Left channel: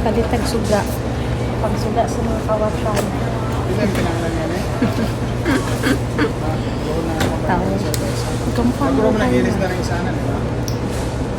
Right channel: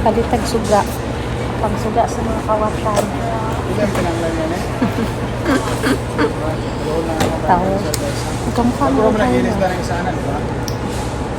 Palitag suga. Pang suga sa mga kawatan. Ilan pinanglan yan eh? Tawag. Kamukha na Puro mo tayo naginis na. na rin sana, di ba?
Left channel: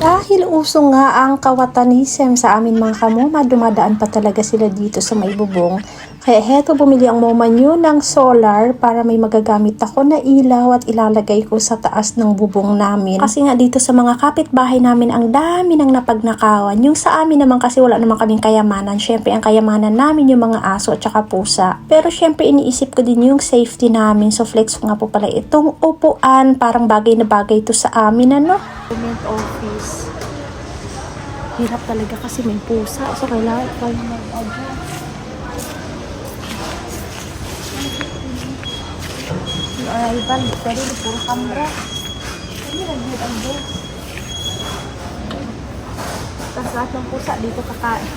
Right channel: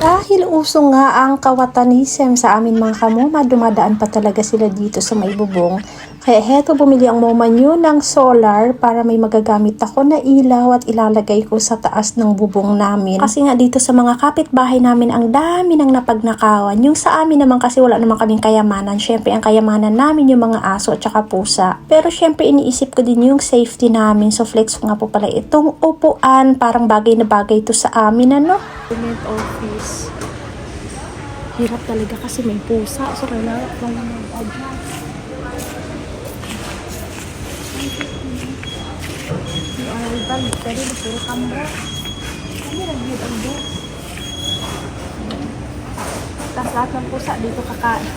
Dahil uso nga ang kawatanism sa amin mga kamoma, dumadaan pa talaga sila dito sa may bubong. Kaya heto, bumili ang moma nyo ng solar para may magagamit ako na ilaw at ilalagay ko sa taas ng bubong namin. Kasi nga dito sa mga kapitbahay namin ang dami ng napagnakawan. Yung sa amin naman kasi wala naman kaming kayamanan. Syempre ang kayamanan namin yung mga aso at saka pusa. Pero syempre iniisip ko din yung safety namin. So flex ko nga po pala itong upuan. Parang bagay na bagay to sa amin, ano? Government office. Hirap talaga kasi may pusa. So, kailangan tayo mag-adjust. Si Ivan, pero puro kamera. Kami nag-view ang boss. Tapos lahat ng pusa dito kakain.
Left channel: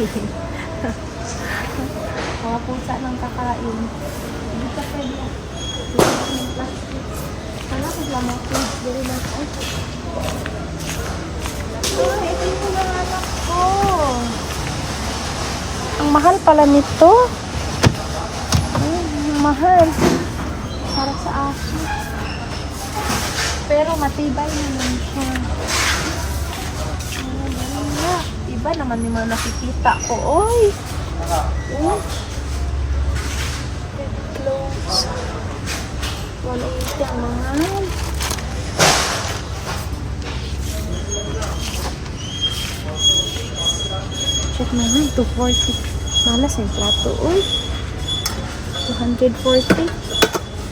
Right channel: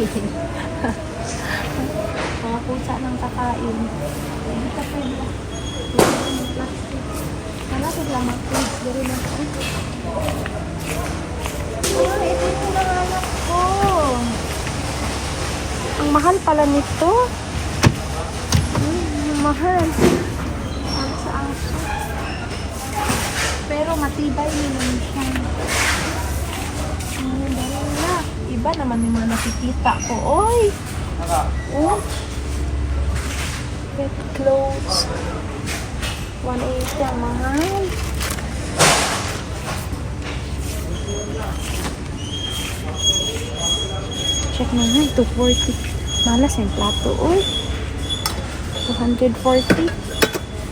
Mga pusa ng kakain. Hindi ka pwede. Hindi ng plastic. Sana sila mga kids. Very lang. Ah, ito yung pinanganak ko. Ang mahal pala nito. Ay, ang mahal. Para sa aso. Pero matibay naman siya. Oh, dala. Iba naman yung mga nakikita ko. Oy! Oh. Pet clothes. 180 ang mahal. Check na nga, 240. Malas yung plato, uy. 240.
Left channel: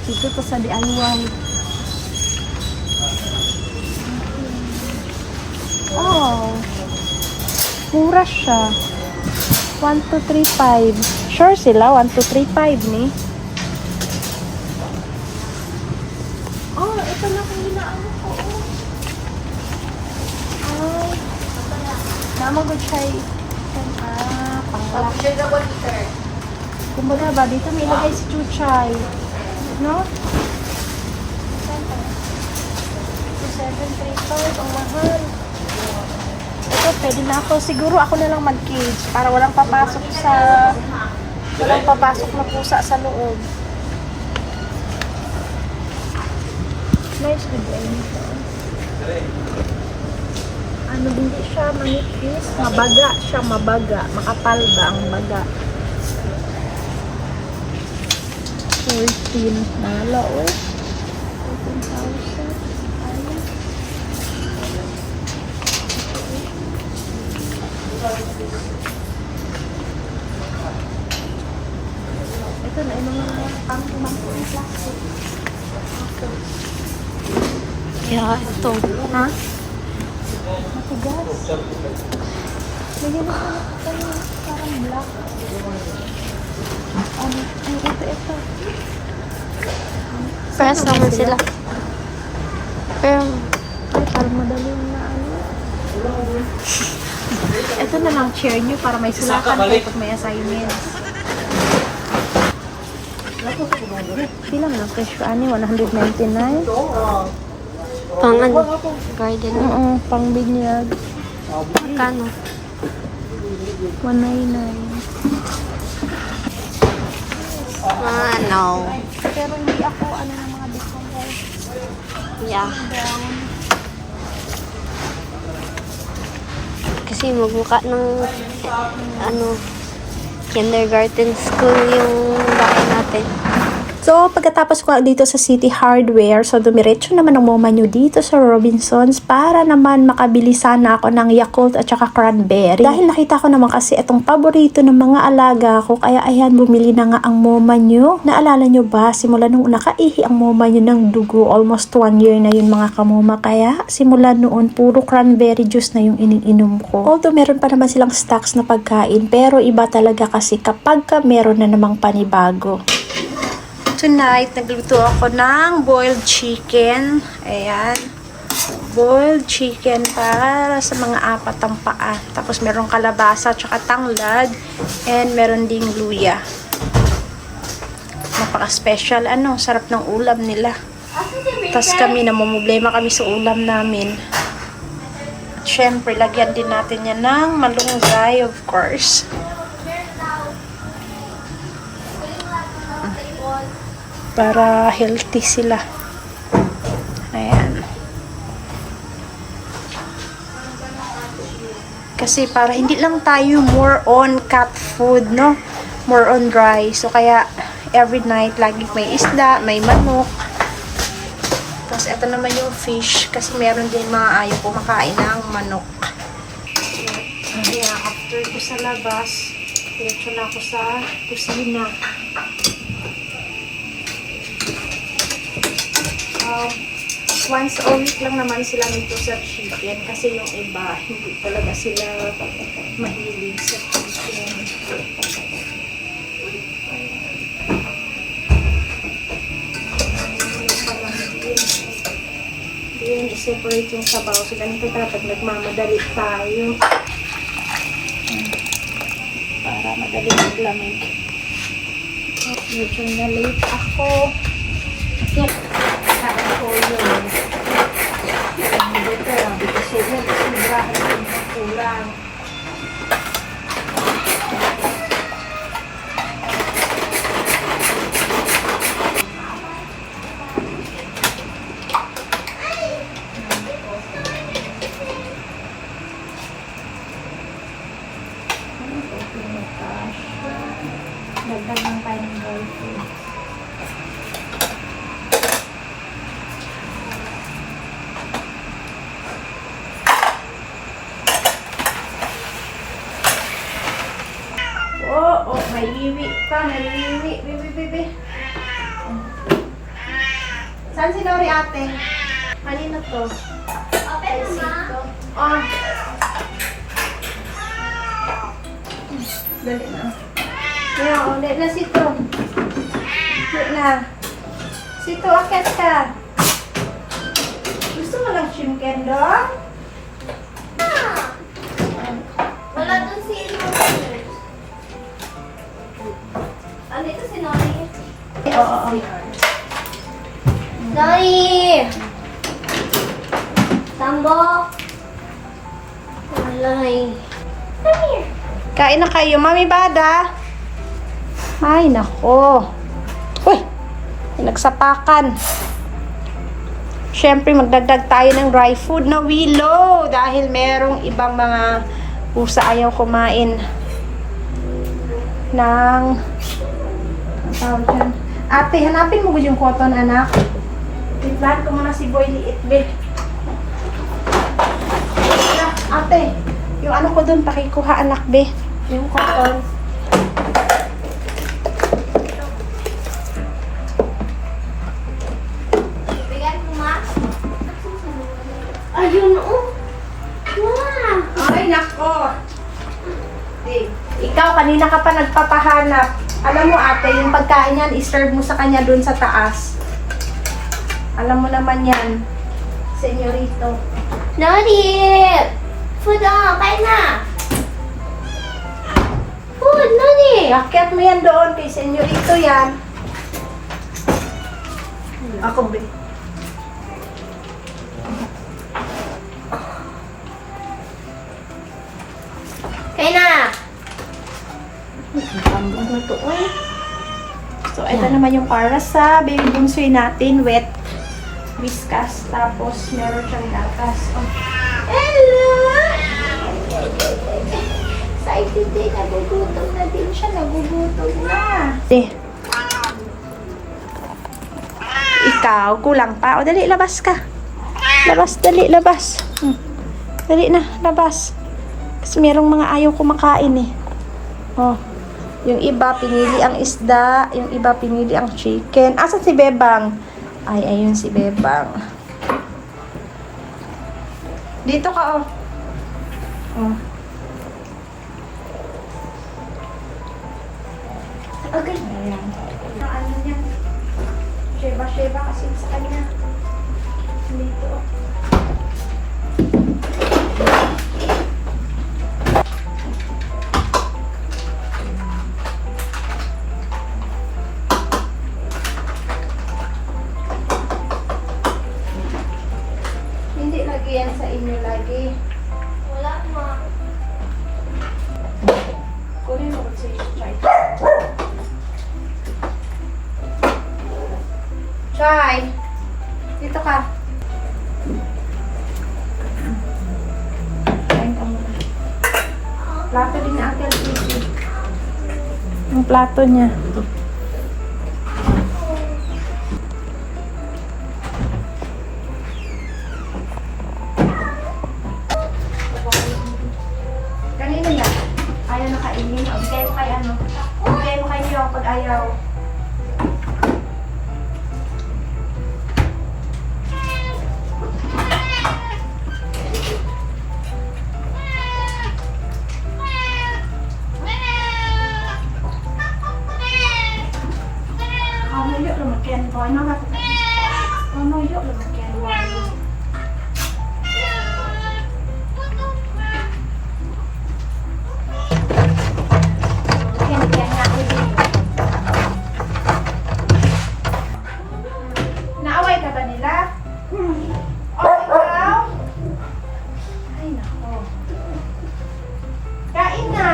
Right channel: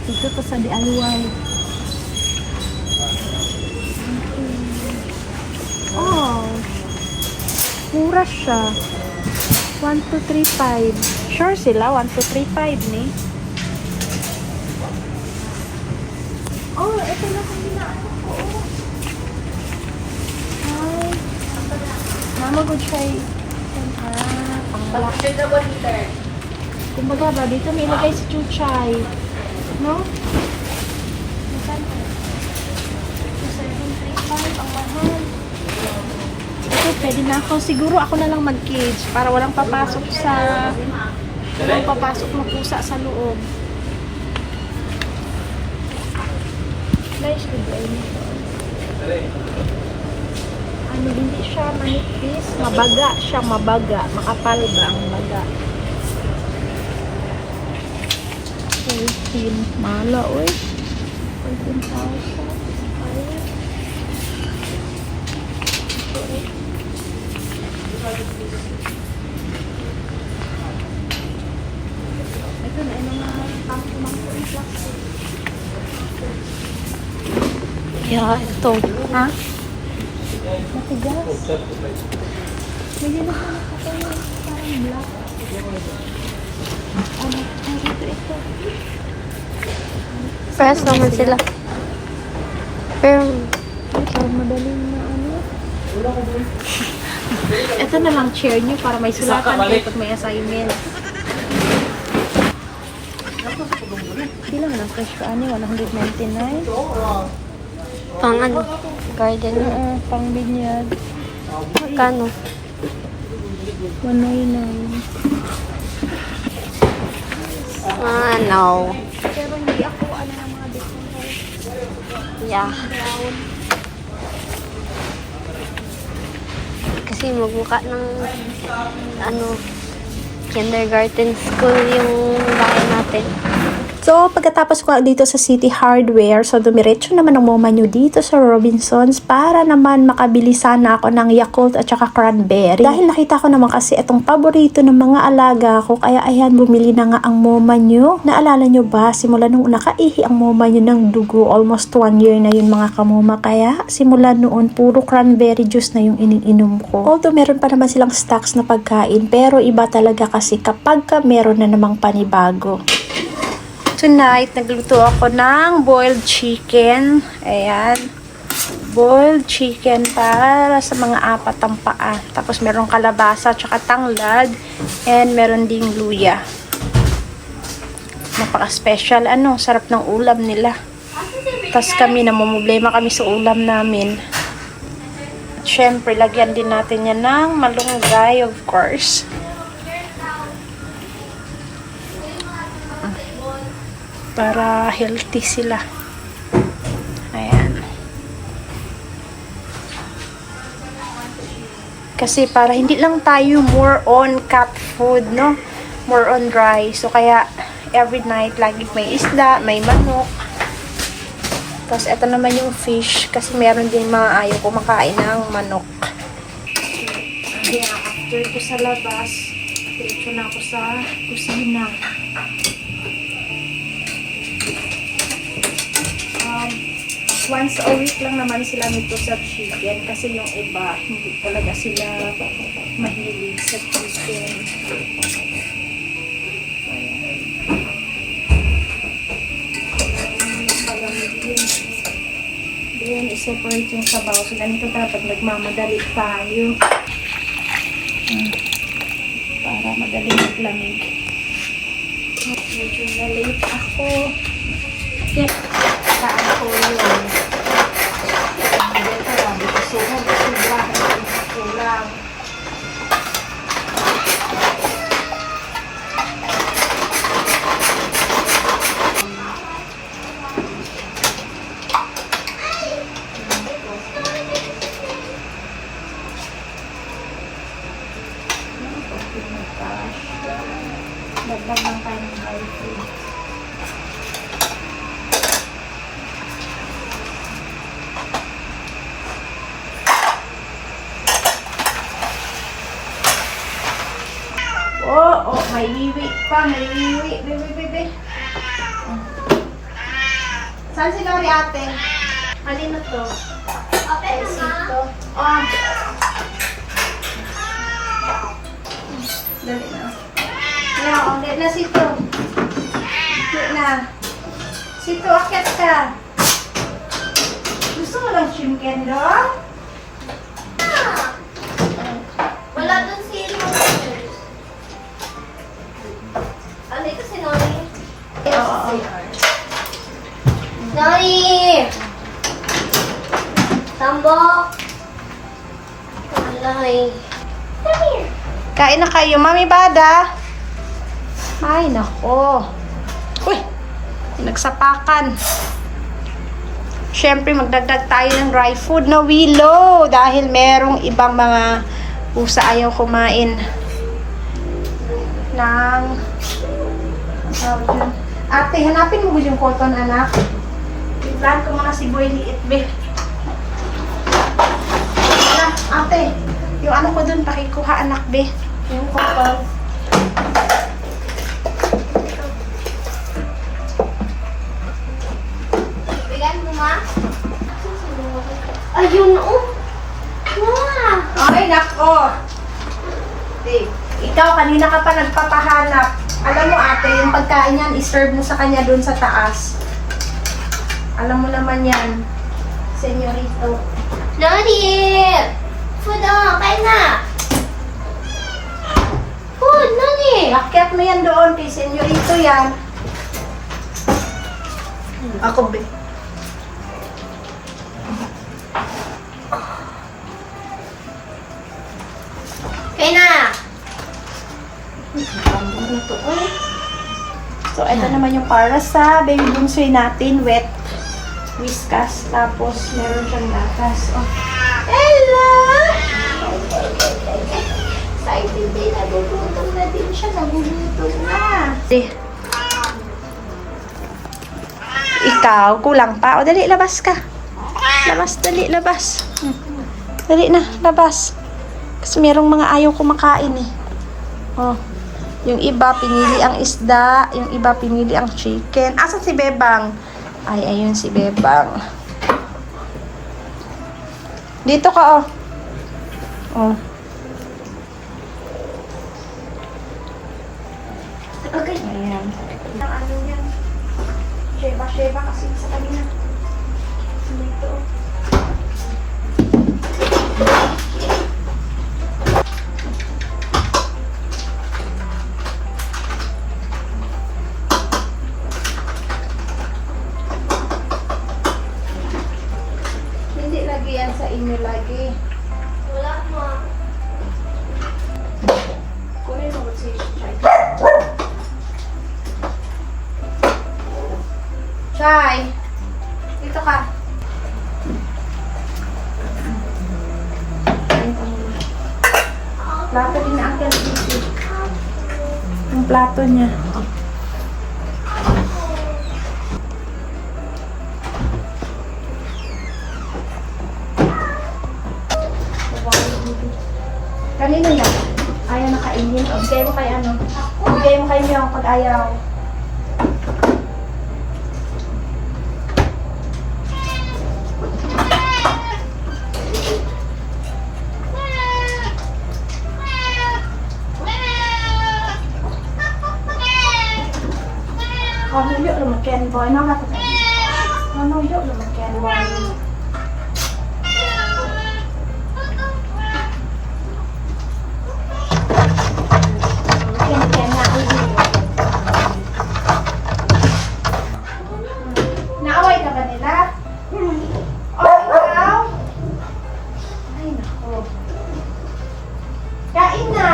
Dito to sa DIY. Oh. Mura siya. 1235. Sure sila, 1235 ni. Oh, ito na kung ginaano ko, oh. Ay. Namagod siya pang-black. Kumbaga ba, dito may ilagay si Chuchay. No? 2735, ang mahal. Ito, pwede na ako. Siguro ako na lang mag-cage para walang papasok na pusa sa loob. Nice design nito. Ano, hindi siya manipis, mabaga siya, mabaga. Makapal ba ang baga? 14. Mala, uy. 14,000. Ayun. Ito na, yung mga pang-umangkong plastic. Yeah, ito. Ha? Matigas. Bigyan na sana ko tayo parang black. Ano? Ay, ito. Press naman sila. Pero, Ay, parang madaling na ano. Ito na lang chair nyo para may sulatan kayo pag may assignments. Ilang lang fresh ka ano? 199? pang ano? Garden. Pang binyag. Magkano? 199. No. Pero hindi ako ano ng mga discount. Yeah. Kasi magmukha ng ano, kindergarten school yung bahay natin. So, pagkatapos ko dito sa City Hardware, so dumiretso naman ang moma nyo dito sa Robinsons para naman makabili sana ako ng Yakult at saka cranberry. Dahil nakita ko naman kasi itong paborito ng mga alaga ko, kaya ayan, bumili na nga ang moma nyo. Naalala nyo ba, simula nung nakaihi ang moma nyo ng dugo, almost 1 year na yun mga kamoma, kaya simula noon, puro cranberry juice na yung iniinom ko. Although meron pa naman silang stocks na pagkain, pero iba talaga kasi kapag meron na namang panibago. Tonight, nagluto ako ng boiled chicken. Ayan. Boiled chicken para sa mga 4 ang paa. Tapos merong kalabasa, tsaka tanglad. And meron ding luya. Napaka-special. Ano, sarap ng ulam nila. Tapos kami, namumblema kami sa ulam namin. At syempre, lagyan din natin yan ng malunggay, of course. para healthy sila. Ayan. Kasi para hindi lang tayo more on cat food, no? More on dry. So, kaya every night, lagi may isda, may manok. Tapos, ito naman yung fish. Kasi meron din mga ayaw kumakain ng manok. Kaya, after ko sa labas, diretso na ako sa kusina. Once a week lang naman sila nito sa chicken. Kasi yung iba, hindi talaga sila mahilig sa chicken. Then, i-separate yung sabaw. So, ganito dapat nagmamadali tayo. Para madali maglamig. Medyo na-late ako. Okay. Saan ko yun? Dito lang. Dito sobrang. Dagdag lang tayo ng dry food. Oh, may wiwi pa, may wiwi. Bibi. Saan si Lori ate? Kanina to? Open na, ma. Oh. Dali na. Ayan, ulit na sito. Ulit na. Sito, akit ka. Gusto mo lang chicken dong? Wala dun si Andito si Nori. Oo. Nori! Tambok! Walay. Come here. Kain na kayo, Mami Bada. Ay, nako. Uy, nagsapakan. Siyempre, magdagdag tayo ng dry food na Willow. Dahil merong ibang mga pusa ayaw kumain ng... Ate, hanapin mo ba yung cotton, anak? Tingnan ko muna si Boy Liit, be. Ate, yung ano ko dun, pakikuha, anak, be. Yung cotton. Bigyan mo, ma. Ayun, oh. Wow. Ay, nako. Ikaw, kanina ka pa nagpapahanap. Alam mo, ate, yung pagkain yan, iserve mo sa kanya dun sa taas. Alam mo naman yan. Senyorito. Nori! Food on! Kain na! Food, Nori! Akyat mo yan doon kay senyorito yan. Ako, be. Kain na! So, ito naman yung para sa baby bungsoy natin, wet whiskas. Tapos, meron siyang lakas. Oh. Hello! Excited din. Nagugutom na din siya. Nagugutom na. Ikaw, kulang pa. O, dali, labas ka. Labas, dali, labas. Dali na, labas. Kasi merong mga ayaw kumakain eh. Oh. Yung iba, pinili ang isda. Yung iba, pinili ang chicken. Asa si Bebang? Ay, ayun si Bebang. Dito ka, oh. Oh. Okay. Ayan. Ano yan? Sheba kasi sa kanya. Dito. Hindi lagi yan sa inyo lagi. Wala, ma. Kunin mo sa try. ni Uncle Titi. Yung plato niya. Kanino yan? Ayaw na kainin. O, bigay mo kay ano. Bigay mo kay Miyong pag ayaw. Oh, yuk lumayan boy. No, yuk lumayan boy. Naaway ka ba nila? Oh, ikaw? Ay, nako. Kain na.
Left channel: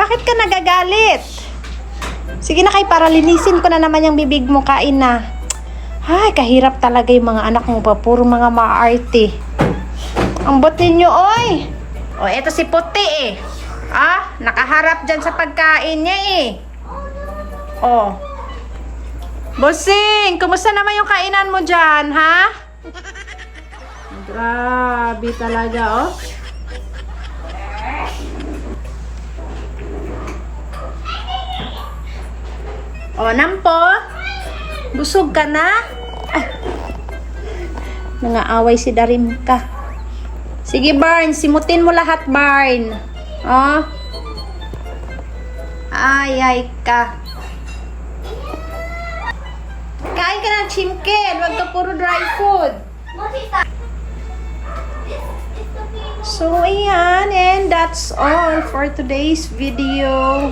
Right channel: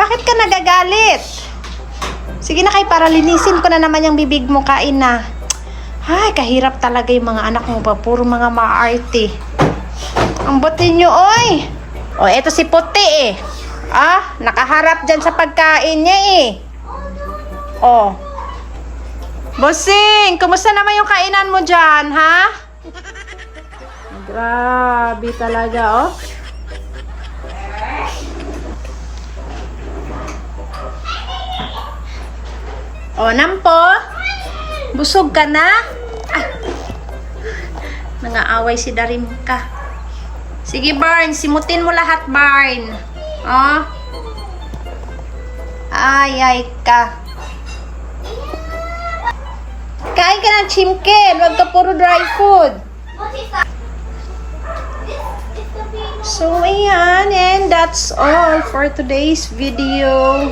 Bakit ka nagagalit? Sige na kay, para linisin ko na naman yung bibig mo, kain na. Ay, kahirap talaga yung mga anak mo pa. Puro mga maarte. Ang buti nyo, oy! O, eto si Puti eh. Ah, nakaharap dyan sa pagkain niya eh. O. Bossing, kumusta naman yung kainan mo dyan, ha? Grabe talaga, oh. O, Nampo? Busog ka na? Ah. Nangaaway si Darimka. Sige, Barn. Simutin mo lahat, Barn. O. Ay ka. Kain ka ng chimken. Huwag ka puro dry food. So, ayan. And that's all for today's video.